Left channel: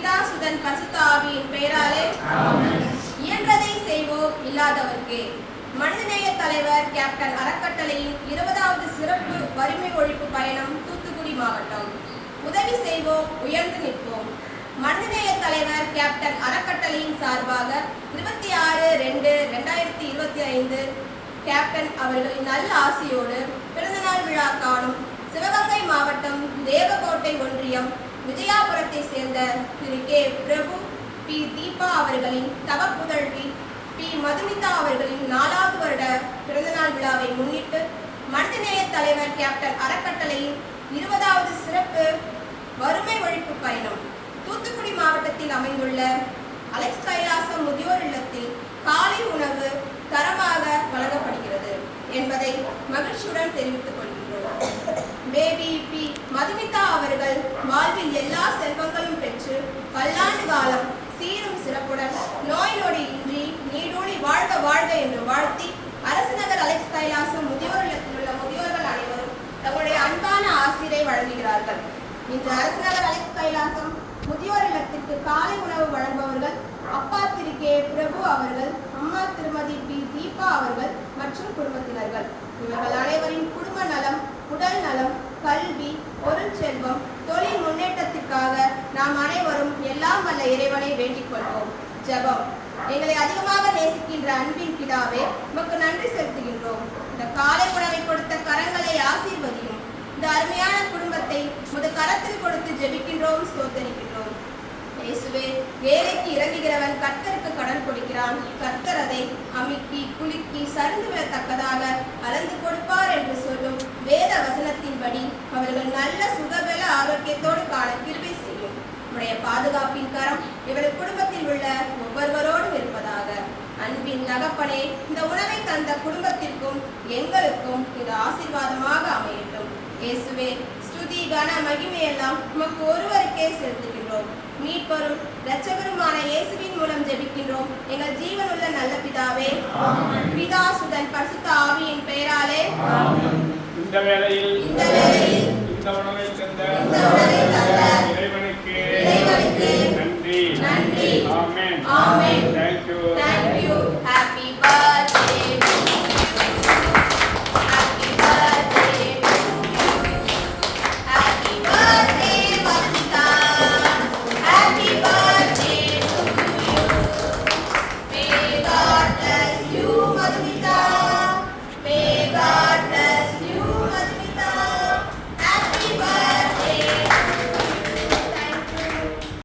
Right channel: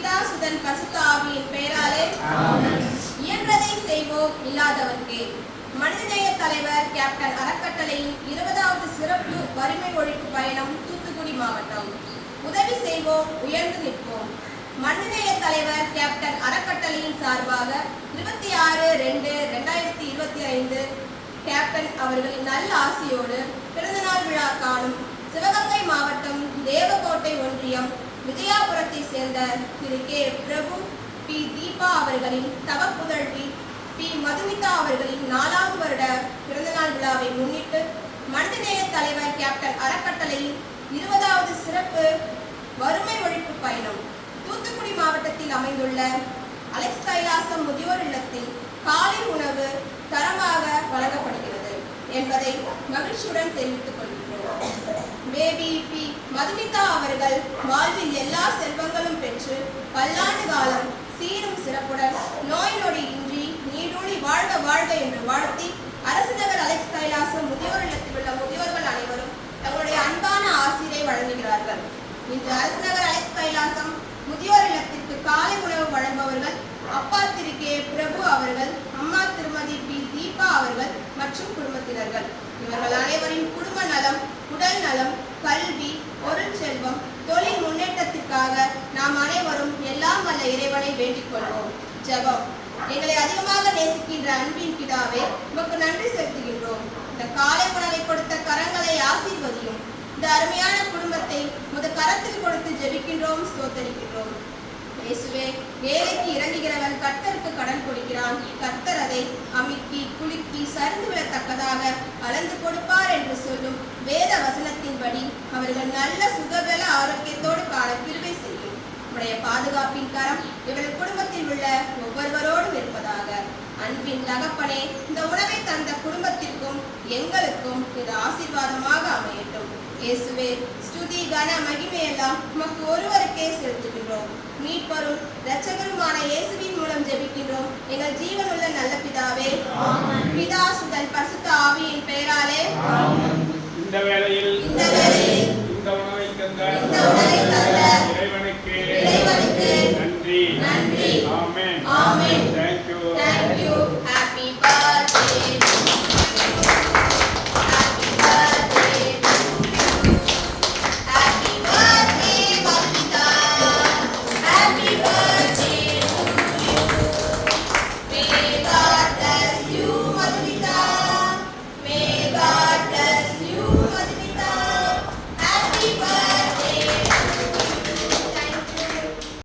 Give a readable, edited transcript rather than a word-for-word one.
பிதா சுதன் பரிசுத்த ஆவியின் பெயராலே இயன்றதை செய்வோம் இல்லாதவர்க்கே. மனிதநேய தலைவர் கேப்டன் அறக்கட்டளையின் 20வது சிறப்பு வறுமை ஒழிப்பு பயணம் தூத்துக்குடி மாவட்டம். உதவி செய்வோம், உயர்ந்து நிற்போம். மனிதநேய தலைவர் கேப்டன் அறக்கட்டளையின் சார்பாக 26/2/2025 கேப்டன் அவர்களின் நல்ல ஆசியோடு பிறந்தநாள் விழா காணும் சிவகங்கை மாவட்டம் தேவகோட்டை ஒன்றியம் விஜயாபுரத்தை சேர்ந்த திரு கே பிரபு பி தீபா அவர்களின் தவப்புதல்வி பி மதுமிதா அவர்களின் 4வது வருட பிறந்தநாள் விழாவை முன்னிட்டு மனிதநேய தலைவர் கேப்டன் அறக்கட்டளையின் 20வது சிறப்பு வறுமை ஒழிப்பு பயணம் தூத்துக்குடி மாவட்டத்தில் அமைந்துள்ள அலெக்ஸ் கைலாசம் முதியோர் இல்லத்தில் காலை உணவு தரமாக வழங்கப்படுகிறது என்பதை மகிழ்ச்சியுடன் தெரிவித்துக் கொள்கிறோம். பேபி பி மதுமிதா அவர்கள் வாழ்வில் எல்லா செல்வங்களும் பெற்று பல்லாண்டு காலம் சீரும் சிறப்புடன் நோய் நொடி இன்றி நீடூழி வாழ்க வாழ்க என்று வாழ்த்தி அரசுநகர் அலெக்ஸ் கைலாசம் முதியோர் இல்லத்தில் உள்ள முதியோர்கள் அனைவரும் தங்களுடைய அன்பான ஆசிரை வழங்குகிறார்கள். இன்று அரசுநகர் அலெக்ஸ் கைலாசம் முதியோர் இல்லத்திற்கு காலை உணவு வழங்குபவர்கள் அப்பா திரு கே பிரபு அவர்கள், அம்மா திருமதி பி தீபா அவர்கள் மற்றும் குடும்பத்தினர்கள். இவர்கள் அனைவரின் குடும்ப நலம், உடல் நலம், கல்வி, பொருள் செல்வம், தொழில் முன்னேற்றத்திற்காக நாம் அனைவரும் எல்லாம் வல்ல இறைவனை வேண்டிக் கொள்வோம். ஜெபம். எங்களை அதிகமாக நேசிக்கின்ற அன்பின் பிதாவே, உமக்கு நன்றி செலுத்துகின்றோம். இந்த காலை உணவை கொடுத்த கரங்களை ஆசீர்வதியும். இந்த அருமையான குடும்பத்தை உமது கரத்தில் கொடுத்து ஜெபிக்கின்றோம், ஸ்தோத்தரிக்கின்றோம். இயேசுவே, வேலைக்கு இறங்குகிறவன் கர்த்தருக்கு கடன் கொடுக்கிறான். கர்த்தர் அதை அமுக்கி குலுக்கி சரிந்து விடத்தக்கதாக அளந்து கொடுப்பார் என்று சொல்லும் வேத வசனத்தின்படி அவர்கள் நல்ல சுகபல ஆரோக்கியத்தோடு காண கிருபை செய்யும். உடைய பாதுகாப்பின் கரம் இவர்கள் குடும்பத்தில் உள்ள ஒவ்வொருவரோடும் இருப்பதாக. அன்பின் தகப்பனே, இந்த உணவை தந்த குடும்பத்திற்கும் எங்களுக்கும் இது ஆசீர்வாதமாக அமையட்டும். இயேசுவே, ஸ்துதி கன மகிமையெல்லாம் உமக்கு ஒருவருக்கே செலுத்துகின்றோம். மீட்பரும் இரட்சகருமான இயேசுவின் மூலம் ஜெபிக்கின்றோம் எங்கள் ஜீவனுள்ள நல்ல பிதாவே. பிதா சுதன் பரிசுத்த ஆவியின் பெயராலே. இந்த வேளையில் இந்த உணவை தந்த